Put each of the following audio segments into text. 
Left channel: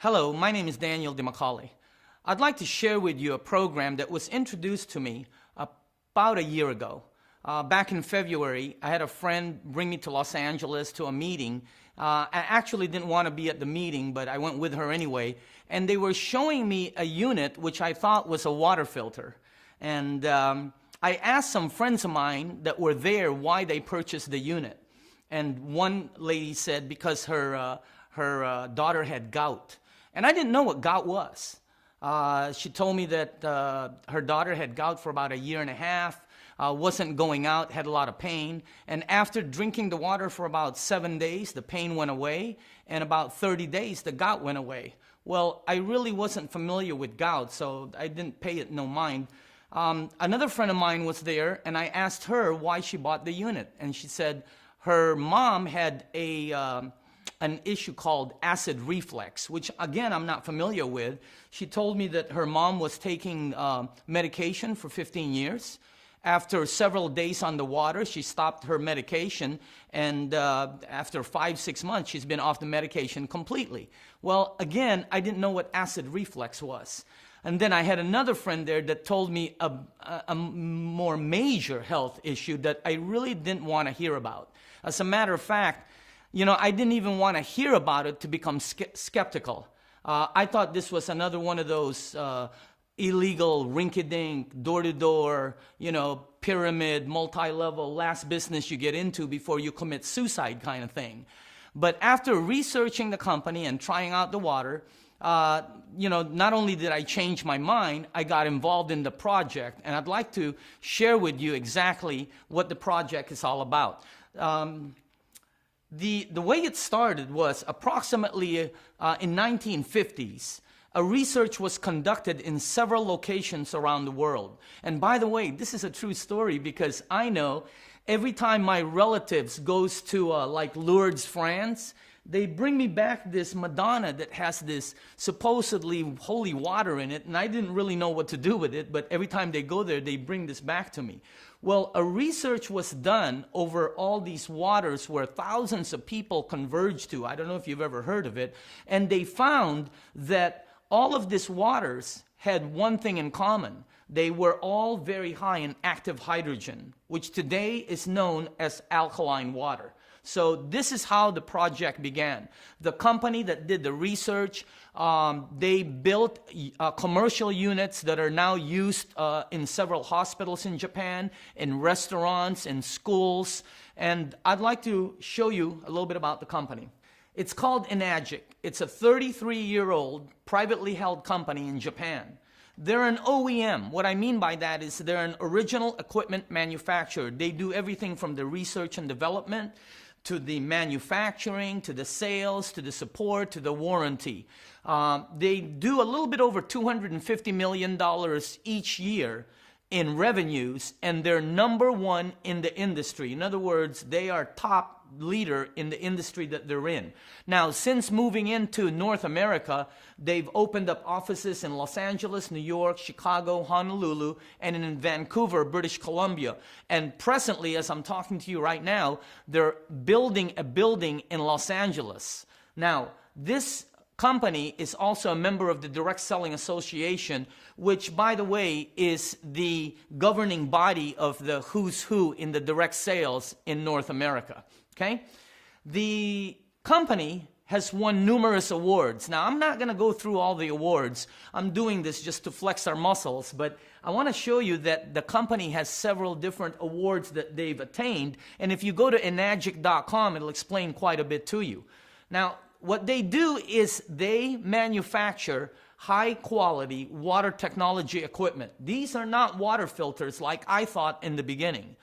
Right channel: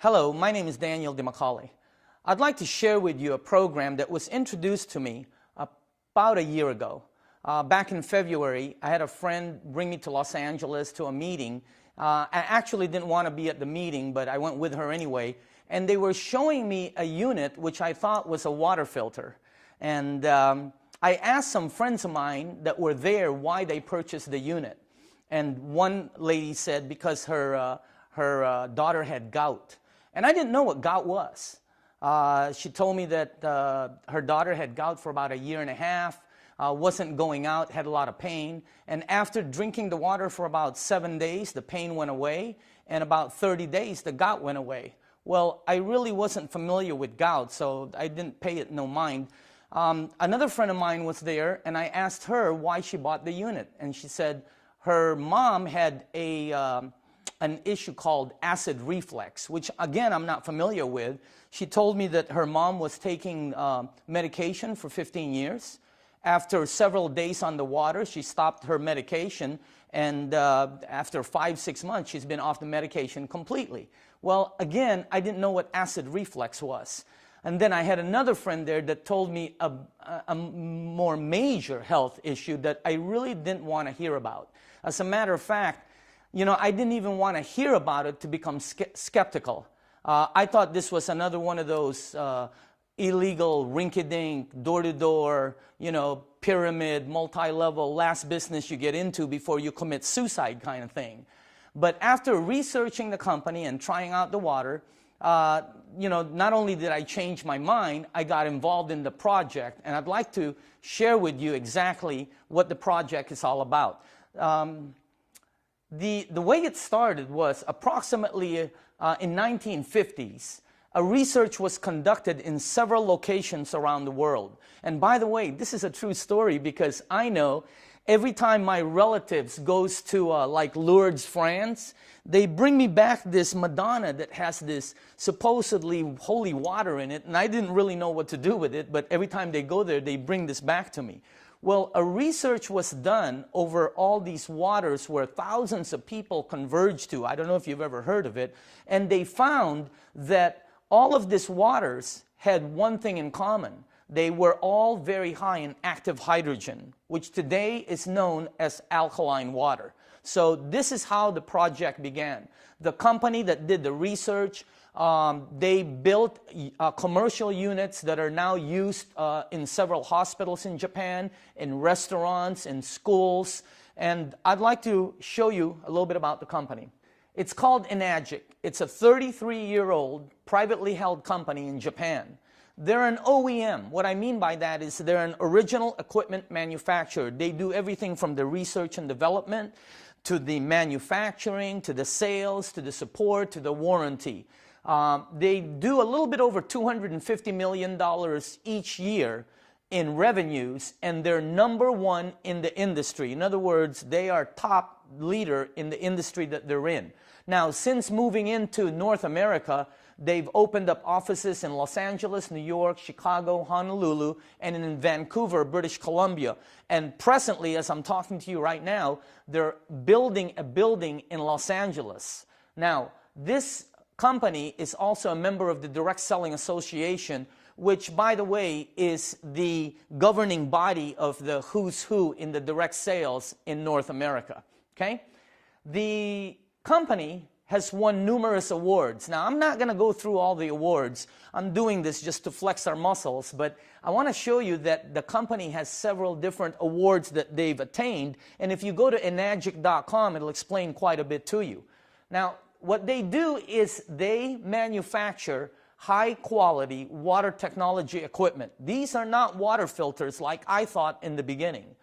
Hello, my name is Daniel Dimacale. I'd like to share with you a program that was introduced to me about a year ago. Back in February, I had a friend bring me to Los Angeles to a meeting. I actually didn't want to be at the meeting, but I went with her anyway. And they were showing me a unit which I thought was a water filter. And I asked some friends of mine that were there why they purchased the unit. And one lady said because her daughter had gout. And I didn't know what gout was. She told me that her daughter had gout for about a year and a half, wasn't going out, had a lot of pain. And after drinking the water for about 7 days, the pain went away. And about 30 days, the gout went away. Well, I really wasn't familiar with gout, so I didn't pay it no mind. Another friend of mine was there, and I asked her why she bought the unit. And she said her mom had an issue called acid reflux, which again I'm not familiar with. She told me that her mom was taking medication for 15 years. After several days on the water, she stopped her medication, and after 5-6 months, she's been off the medication completely. Well, again, I didn't know what acid reflux was. And then I had another friend there that told me a more major health issue that I really didn't want to hear about. As a matter of fact, I didn't even want to hear about it to become skeptical. I thought this was another one of those illegal, rinky-dink, door-to-door, pyramid, multi-level, last business you get into before you commit suicide kind of thing. But after researching the company and trying out the water, not only did I change my mind, I got involved in the project. And I'd like to share with you exactly what the project is all about. The way it started was approximately in 1950s. A research was conducted in several locations around the world. And by the way, this is a true story because I know every time my relatives goes to like Lourdes, France, they bring me back this Madonna that has this supposedly holy water in it, and I didn't really know what to do with it, but every time they go there, they bring this back to me. Well, a research was done over all these waters where thousands of people converged to. I don't know if you've ever heard of it. And they found that all of these waters had one thing in common. They were all very high in active hydrogen, which today is known as alkaline water. So this is how the project began. The company that did the research, they built commercial units that are now used in several hospitals in Japan, in restaurants, in schools. And I'd like to show you a little bit about the company. It's called Enagic. It's a 33-year-old privately held company in Japan. They're an OEM. What I mean by that is they're an original equipment manufacturer. They do everything from the research and development to the manufacturing, to the sales, to the support, to the warranty. They do a little bit over $250 million each year in revenues, and they're #1 in the industry. In other words, they are top leader in the industry that they're in. Now, since moving into North America, they've opened up offices in Los Angeles, New York, Chicago, Honolulu, and in Vancouver, British Columbia. And presently, as I'm talking to you right now, they're building a building in Los Angeles. Now, this company is also a member of the Direct Selling Association, which, by the way, is the governing body of the who's who in the direct sales in North America. Okay? The company has won numerous awards. Now, I'm not going to go through all the awards. I'm doing this just to flex our muscles, but I want to show you that the company has several different awards that they've attained, and if you go to enagic.com, it'll explain quite a bit to you. Now, what they do is they manufacture high-quality water technology equipment. These are not water filters like I thought in the beginning.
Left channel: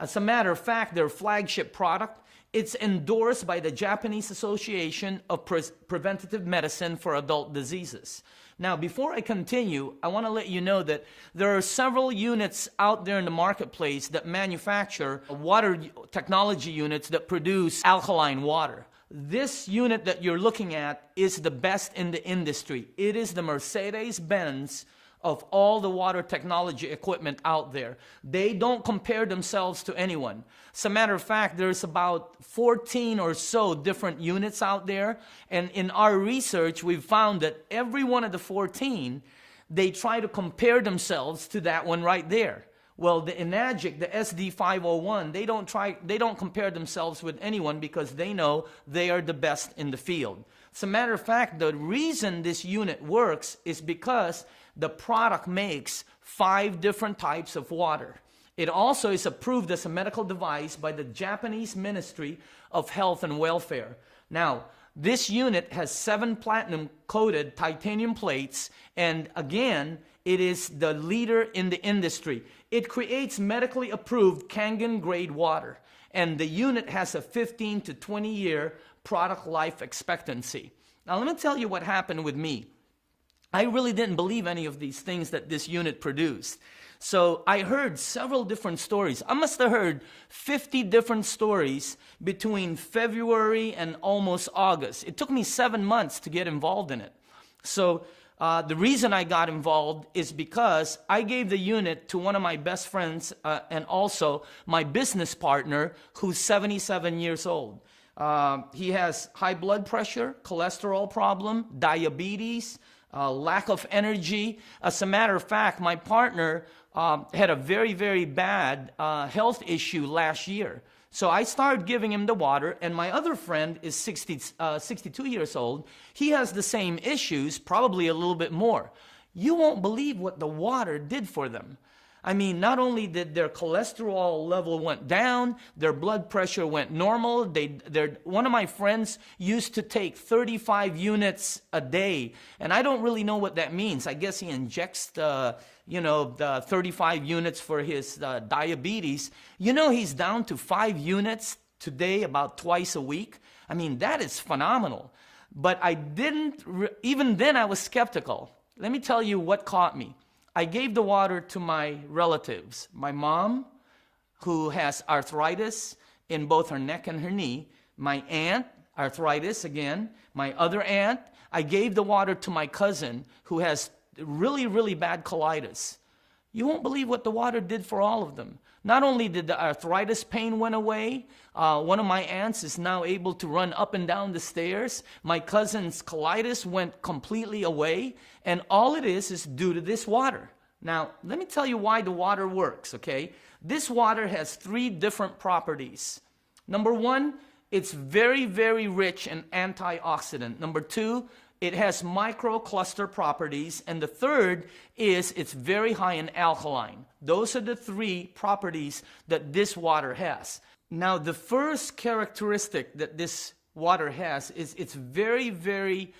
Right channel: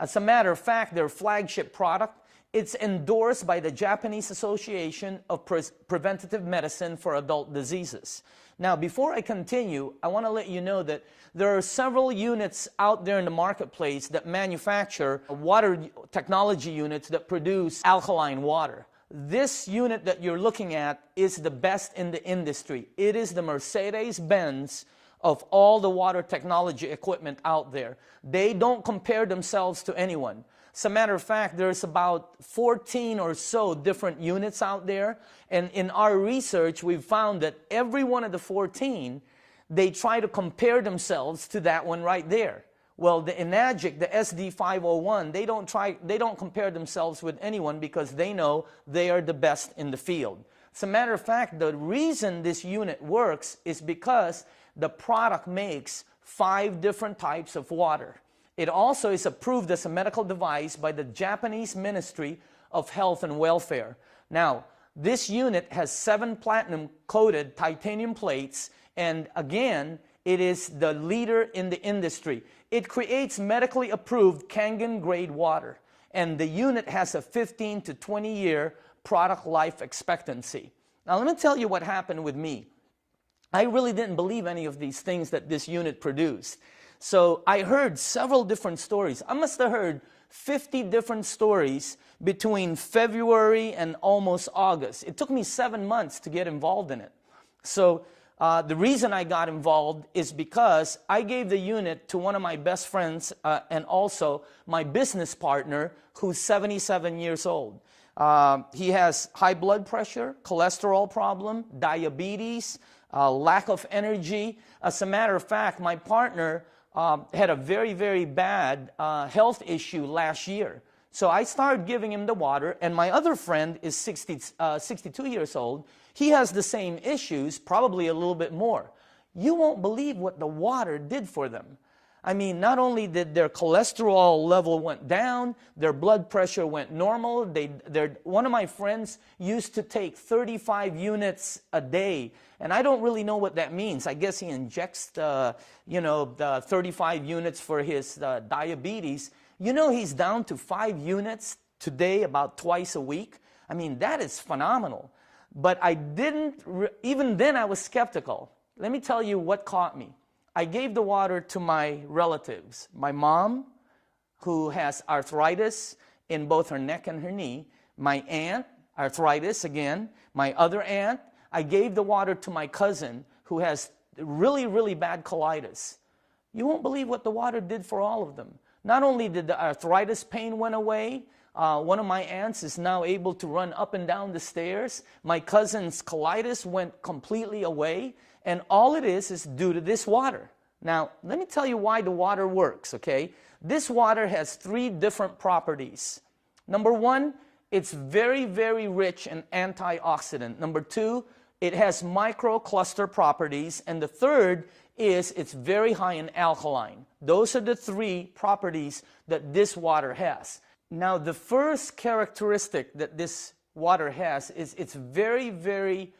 As a matter of fact, their flagship product, it's endorsed by the Japanese Association of Preventative Medicine for Adult Diseases. Now, before I continue, I want to let you know that there are several units out there in the marketplace that manufacture water technology units that produce alkaline water. This unit that you're looking at is the best in the industry. It is the Mercedes-Benz of all the water technology equipment out there. They don't compare themselves to anyone. As a matter of fact, there's about 14 or so different units out there. And in our research, we've found that every one of the 14, they try to compare themselves to that one right there. Well, the Enagic, the SD501, they don't compare themselves with anyone because they know they are the best in the field. As a matter of fact, the reason this unit works is because the product makes 5 different types of water. It also is approved as a medical device by the Japanese Ministry of Health and Welfare. Now, this unit has 7 platinum-coated titanium plates, and again, it is the leader in the industry. It creates medically approved Kangen grade water, and the unit has a 15 to 20 year product life expectancy. Now, let me tell you what happened with me. I really didn't believe any of these things that this unit produced. So I heard several different stories. I must have heard 50 different stories between February and almost August. It took me 7 months to get involved in it. So the reason I got involved is because I gave the unit to one of my best friends and also my business partner who's 77 years old. He has high blood pressure, cholesterol problem, diabetes, lack of energy. As a matter of fact, my partner had a very, very bad health issue last year. So I started giving him the water, and my other friend is 62 years old. He has the same issues, probably a little bit more. You won't believe what the water did for them. I mean, not only did their cholesterol level went down, their blood pressure went normal. One of my friends used to take 35 units a day, and I don't really know what that means. I guess he injects the 35 units for his diabetes. You know, he's down to 5 units today, about twice a week. I mean, that is phenomenal. But even then I was skeptical. Let me tell you what caught me. I gave the water to my relatives. My mom, who has arthritis in both her neck and her knee. My aunt, arthritis again. My other aunt. I gave the water to my cousin, who has really, really bad colitis. You won't believe what the water did for all of them. Not only did the arthritis pain went away, one of my aunts is now able to run up and down the stairs. My cousin's colitis went completely away, and all it is due to this water. Now, let me tell you why the water works, okay? This water has 3 different properties. Number 1, it's very, very rich in antioxidant. Number 2, it has microcluster properties. And the third is it's very high in alkaline. Those are the 3 properties that this water has. Now, the first characteristic that this water has is it's very, very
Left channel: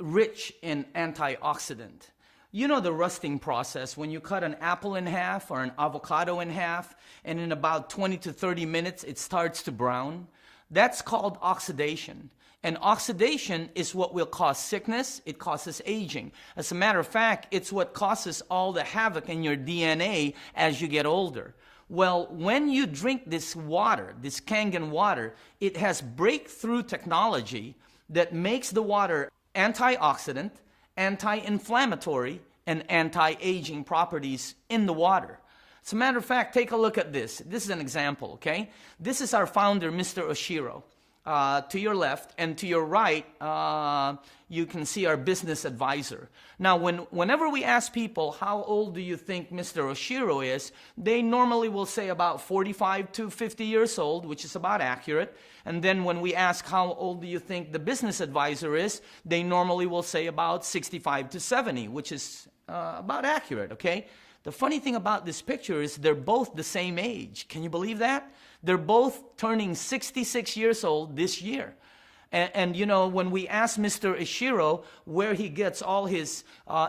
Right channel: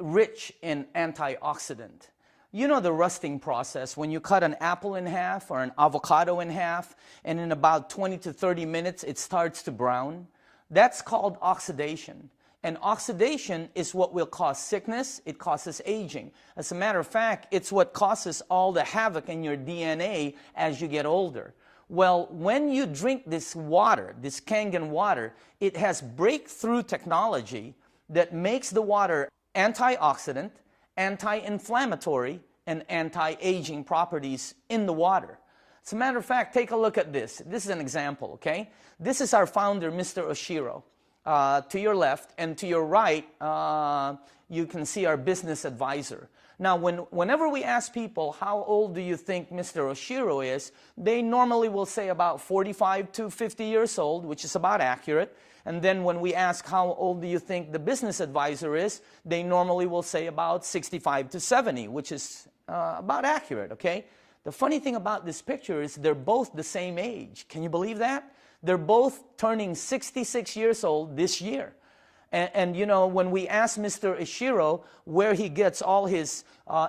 rich in antioxidant. You know the rusting process, when you cut an apple in half or an avocado in half, and in about 20 to 30 minutes it starts to brown? That's called oxidation. And oxidation is what will cause sickness. It causes aging. As a matter of fact, it's what causes all the havoc in your DNA as you get older. Well, when you drink this water, this Kangen water, it has breakthrough technology that makes the water antioxidant, anti-inflammatory, and anti-aging properties in the water. As a matter of fact, take a look at this. This is an example, okay? This is our founder, Mr. Oshiro. To your left, and to your right, you can see our business advisor. Now, whenever we ask people, how old do you think Mr. Oshiro is, they normally will say about 45 to 50 years old, which is about accurate. And then when we ask how old do you think the business advisor is, they normally will say about 65 to 70, which is about accurate, okay? The funny thing about this picture is they're both the same age. Can you believe that? They're both turning 66 years old this year. And you know, when we ask Mr. Ishiro where he gets all his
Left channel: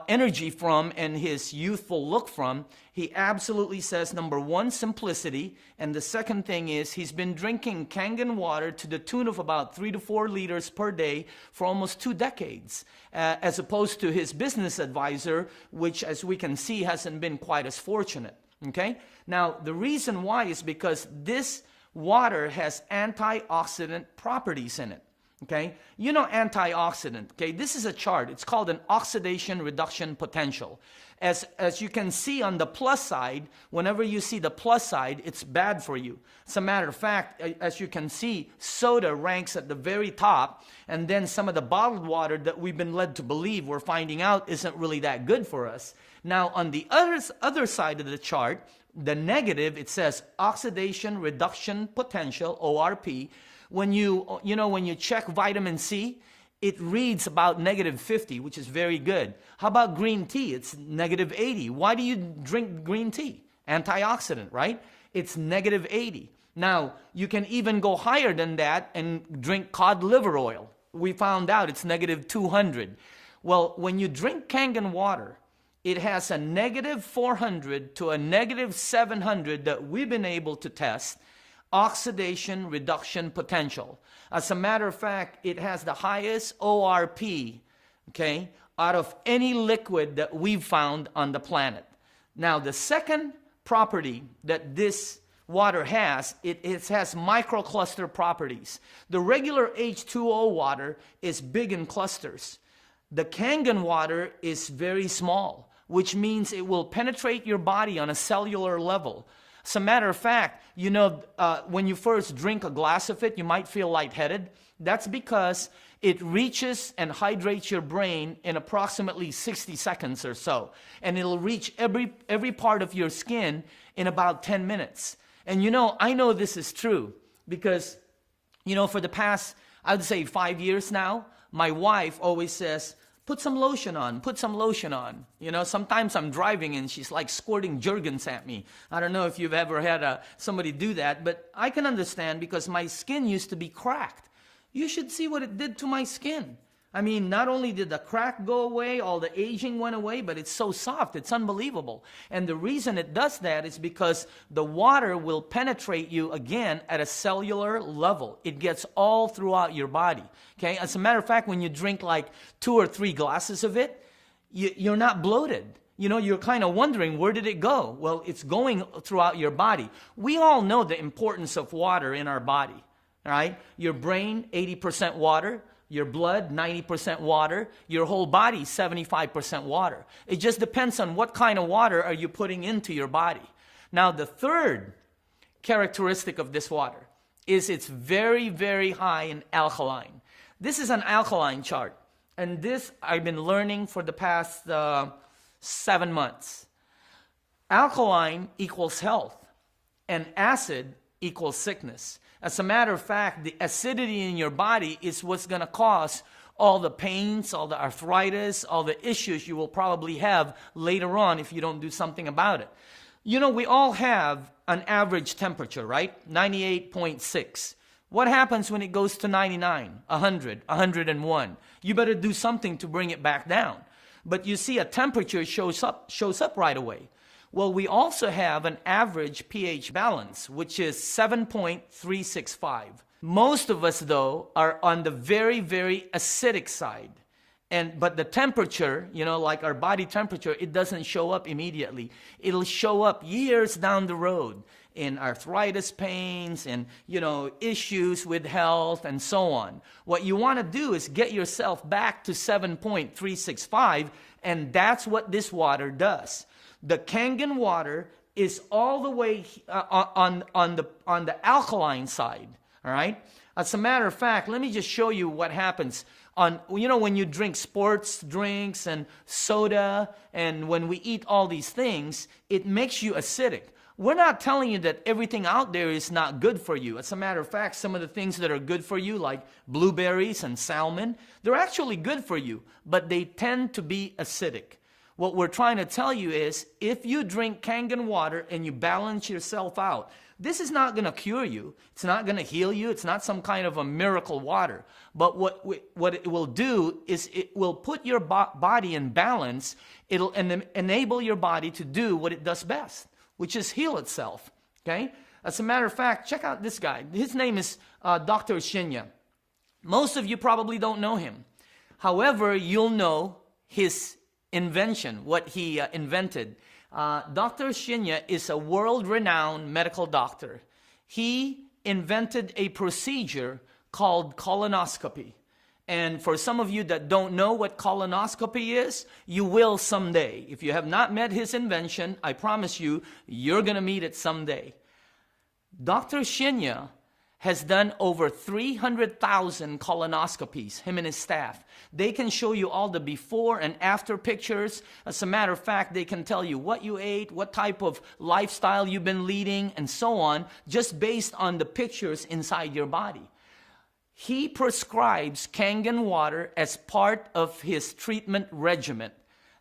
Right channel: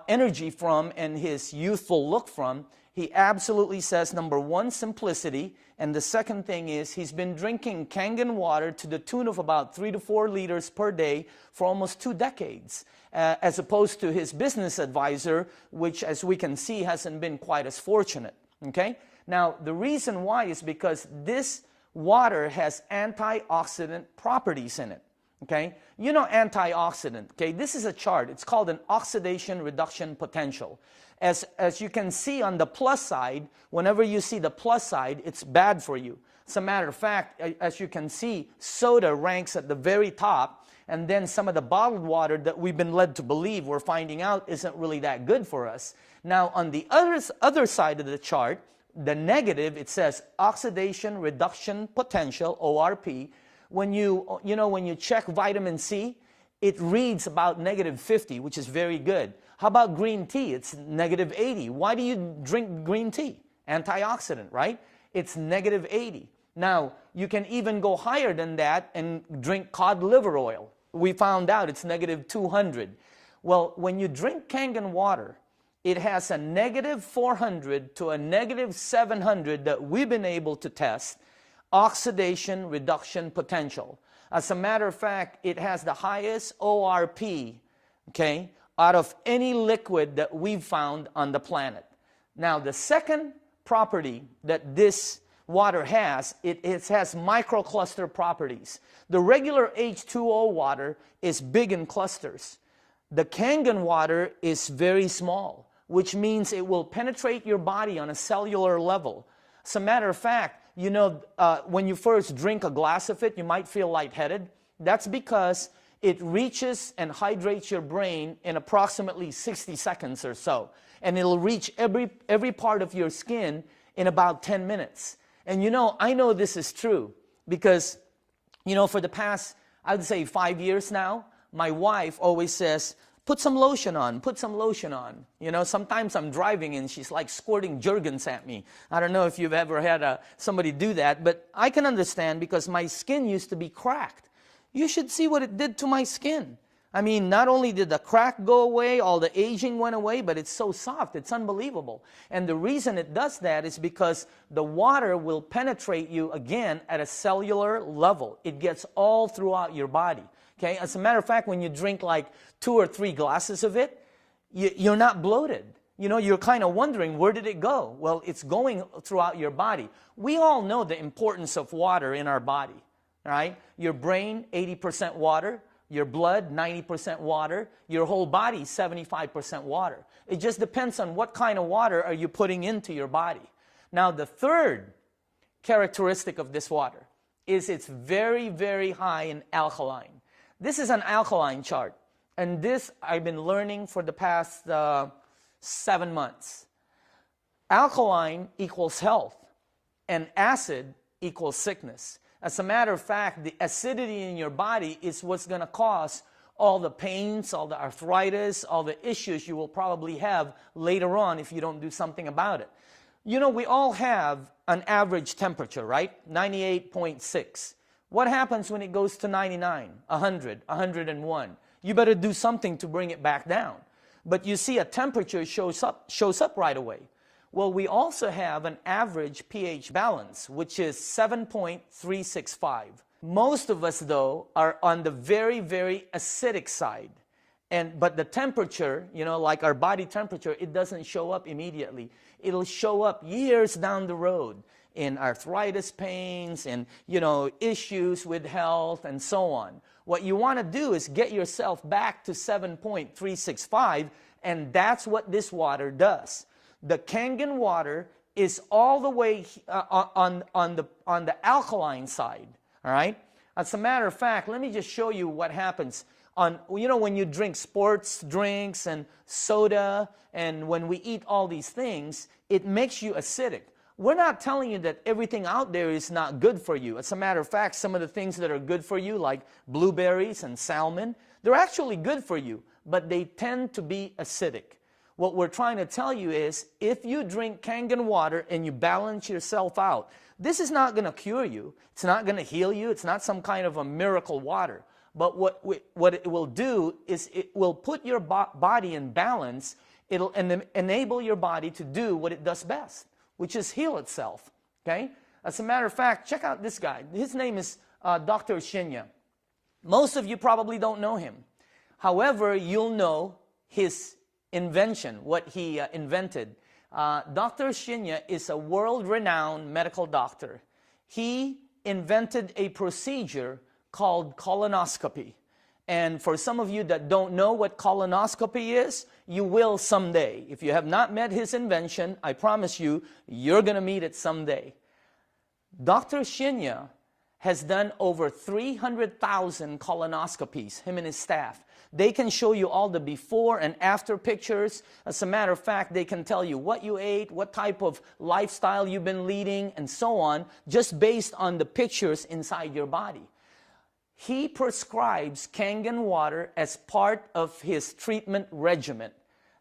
energy from and his youthful look from, he absolutely says, number 1, simplicity. And the second thing is he's been drinking Kangen water to the tune of about 3 to 4 liters per day for almost 2 decades. As opposed to his business advisor, which as we can see hasn't been quite as fortunate. Okay? Now, the reason why is because this water has antioxidant properties in it. Okay? You know antioxidant, okay? This is a chart. It's called an oxidation reduction potential. As you can see on the plus side, whenever you see the plus side, it's bad for you. As a matter of fact, as you can see, soda ranks at the very top, and then some of the bottled water that we've been led to believe we're finding out isn't really that good for us. Now, on the other side of the chart, the negative, it says oxidation reduction potential, ORP. When when you check vitamin C, it reads about -50, which is very good. How about green tea? It's -80. Why do you drink green tea? Antioxidant, right? It's -80. Now, you can even go higher than that and drink cod liver oil. We found out it's -200. Well, when you drink Kangen water, it has a -400 to a -700 that we've been able to test oxidation reduction potential. As a matter of fact, it has the highest ORP, okay, out of any liquid that we've found on the planet. Now, the second property that this water has, it has microcluster properties. The regular H2O water is big in clusters. The Kangen water is very small, which means it will penetrate your body on a cellular level. As a matter of fact, when you first drink a glass of it, you might feel lightheaded. That's because it reaches and hydrates your brain in approximately 60 seconds or so. And it'll reach every part of your skin in about 10 minutes. And I know this is true because, for the past, I'd say 5 years now, my wife always says, put some lotion on, put some lotion on. Sometimes I'm driving and she's like squirting Jergens at me. I don't know if you've ever had somebody do that, but I can understand because my skin used to be cracked. You should see what it did to my skin. I mean, not only did the crack go away, all the aging went away, but it's so soft, it's unbelievable. And the reason it does that is because the water will penetrate you again at a cellular level. It gets all throughout your body. Okay? As a matter of fact, when you drink like 2 or 3 glasses of it, you're not bloated. You're kind of wondering, where did it go? Well, it's going throughout your body. We all know the importance of water in our body. Right? Your brain, 80% water. Your blood, 90% water. Your whole body, 75% water. It just depends on what kind of water are you putting into your body. Now, the third characteristic of this water is it's very, very high in alkaline. This is an alkaline chart. And this I've been learning for the past 7 months. Alkaline equals health. And acid equals sickness. As a matter of fact, the acidity in your body is what's going to cause all the pains, all the arthritis, all the issues you will probably have later on if you don't do something about it. We all have an average temperature, right? 98.6. What happens when it goes to 99, 100, 101? You better do something to bring it back down. But you see, a temperature shows up right away. Well, we also have an average pH balance, which is 7.365. Most of us, though, are on the very, very acidic side. But the temperature, like our body temperature, it doesn't show up immediately. It'll show up years down the road in arthritis pains and, issues with health and so on. What you want to do is get yourself back to 7.365, and that's what this water does. The Kangen water is all the way on the alkaline side, all right? As a matter of fact, let me just show you what happens. When you drink sports drinks and soda, and when we eat all these things, it makes you acidic. We're not telling you that everything out there is not good for you. As a matter of fact, some of the things that are good for you, like blueberries and salmon, they're actually good for you, but they tend to be acidic. What we're trying to tell you is, if you drink Kangen water and you balance yourself out, this is not going to cure you. It's not going to heal you. It's not some kind of a miracle water. But what it will do is it will put your body in balance. It'll enable your body to do what it does best, which is heal itself. Okay? As a matter of fact, check out this guy. His name is Dr. Shinya. Most of you probably don't know him. However, you'll know his invention, what he invented. Dr. Shinya is a world-renowned medical doctor. He invented a procedure called colonoscopy. And for some of you that don't know what colonoscopy is, you will someday. If you have not met his invention, I promise you, you're going to meet it someday. Dr. Shinya has done over 300,000 colonoscopies, him and his staff. They can show you all the before and after pictures. As a matter of fact, they can tell you what you ate, what type of lifestyle you've been leading, and so on, just based on the pictures inside your body. He prescribes Kangen water as part of his treatment regimen.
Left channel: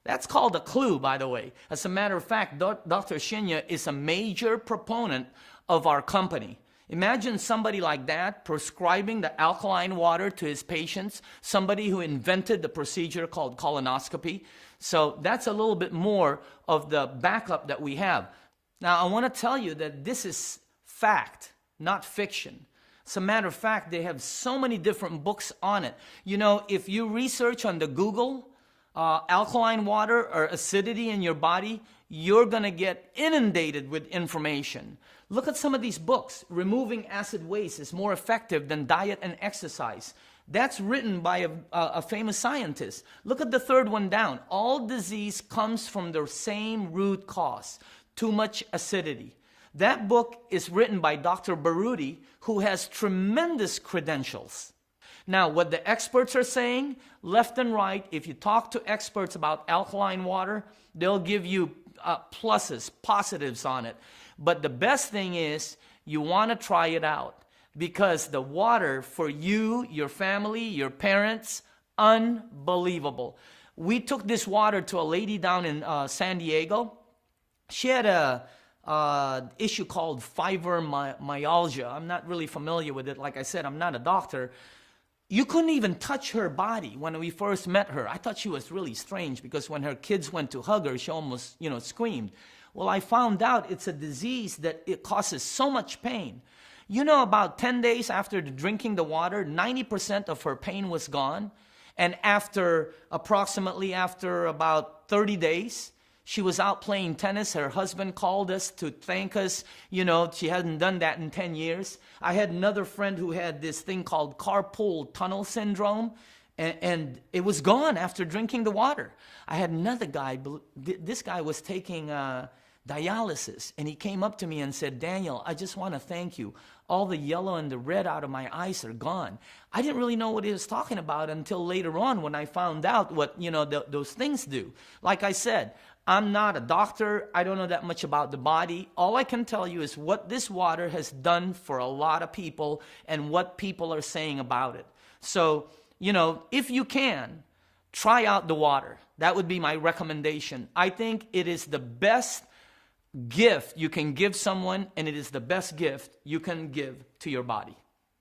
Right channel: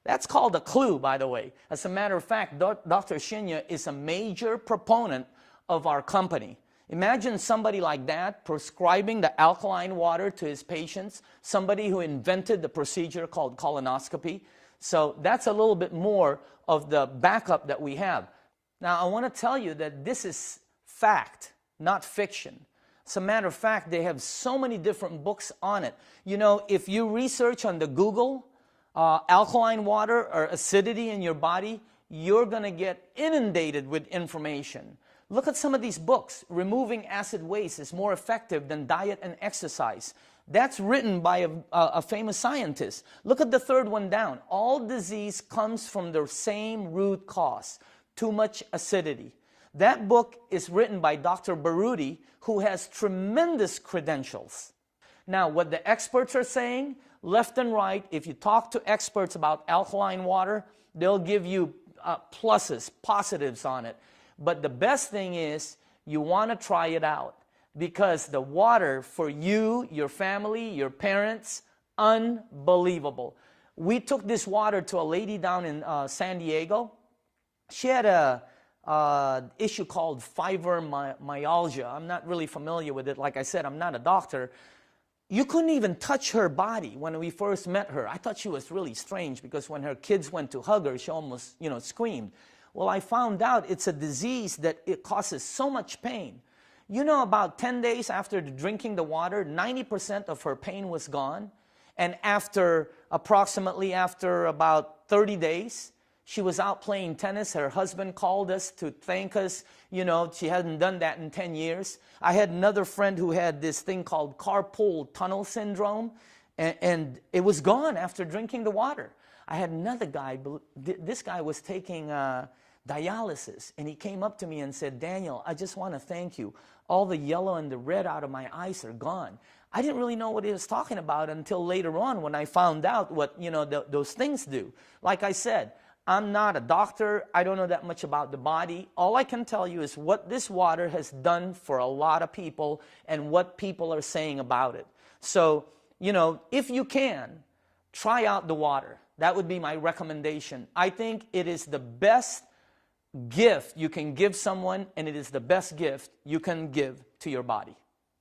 That's called a clue, by the way. As a matter of fact, Dr. Shinya is a major proponent of our company. Imagine somebody like that prescribing the alkaline water to his patients, somebody who invented the procedure called colonoscopy. So that's a little bit more of the backup that we have. Now, I want to tell you that this is fact, not fiction. As a matter of fact, they have so many different books on it. You know, if you research on the Google, alkaline water or acidity in your body, you're going to get inundated with information. Look at some of these books. Removing acid waste is more effective than diet and exercise. That's written by a famous scientist. Look at the third one down. All disease comes from the same root cause, too much acidity. That book is written by Dr. Baruti, who has tremendous credentials. Now, what the experts are saying, left and right, if you talk to experts about alkaline water, they'll give you pluses, positives on it. But the best thing is you want to try it out, because the water for you, your family, your parents, unbelievable. We took this water to a lady down in San Diego. She had a issue called fibromyalgia. I'm not really familiar with it. Like I said, I'm not a doctor. You couldn't even touch her body when we first met her. I thought she was really strange because when her kids went to hug her, she almost, screamed. Well, I found out it's a disease that it causes so much pain. You know, about 10 days after drinking the water, 90% of her pain was gone. And after about 30 days, she was out playing tennis. Her husband called us to thank us. She hadn't done that in 10 years. I had another friend who had this thing called carpal tunnel syndrome, and it was gone after drinking the water. I had another guy. This guy was taking dialysis, and he came up to me and said, "Daniel, I just want to thank you. All the yellow and the red out of my eyes are gone." I didn't really know what he was talking about until later on when I found out what those things do. Like I said, I'm not a doctor. I don't know that much about the body. All I can tell you is what this water has done for a lot of people and what people are saying about it. So, if you can, try out the water. That would be my recommendation. I think it is the best gift you can give someone, and it is the best gift you can give to your body.